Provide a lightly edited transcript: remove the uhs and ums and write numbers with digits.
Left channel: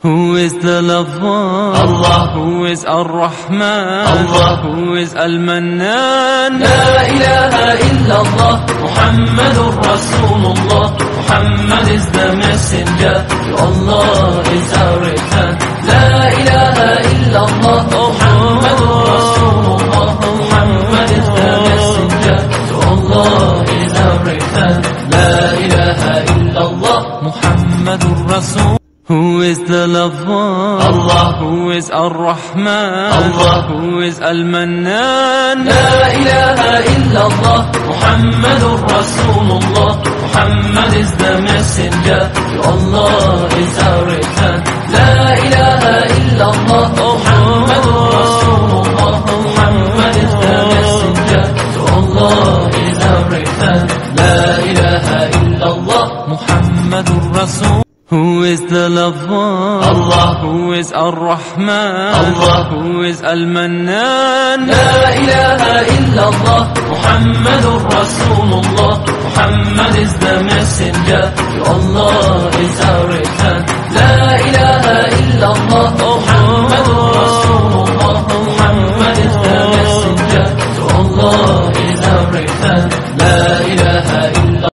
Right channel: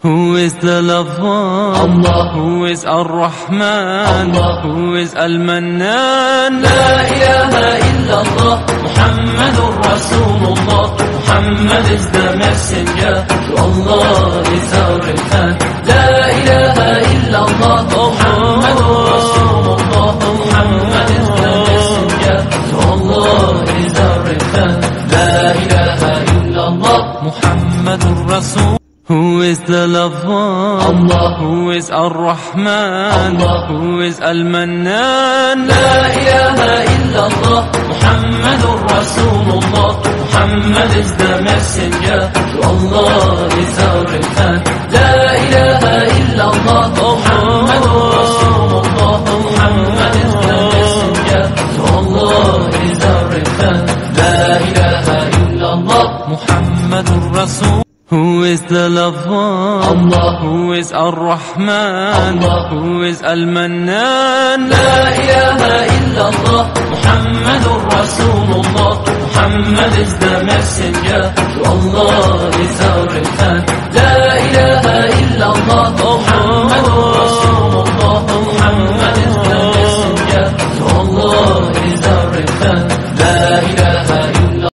Who is the lover? Allah. Who is Ar-Rahman? Allah. Who is Al-Mannan? La ilaha illallah, Muhammadur Rasulullah. Muhammad is the messenger, to Allah is our return. La ilaha illallah, Muhammadur Rasulullah. Muhammad is the messenger, to Allah is our return. La ilaha illallah, Muhammadur Rasul. Who is the lover? Allah. Who is Ar-Rahman? Allah. Who is Al-Mannan? La ilaha illallah, Muhammadur Rasulullah. Muhammad is the messenger, to Allah is our return. La ilaha illallah, Muhammadur Rasulullah. Muhammad is the messenger, to Allah is our return. La ilaha illallah, Muhammadur Rasul. Who is the lover? Allah. Who is Ar-Rahman? Allah. Who is Al-Mannan? La ilaha illallah, Muhammadur Rasulullah. Muhammad is the messenger, to Allah is our return.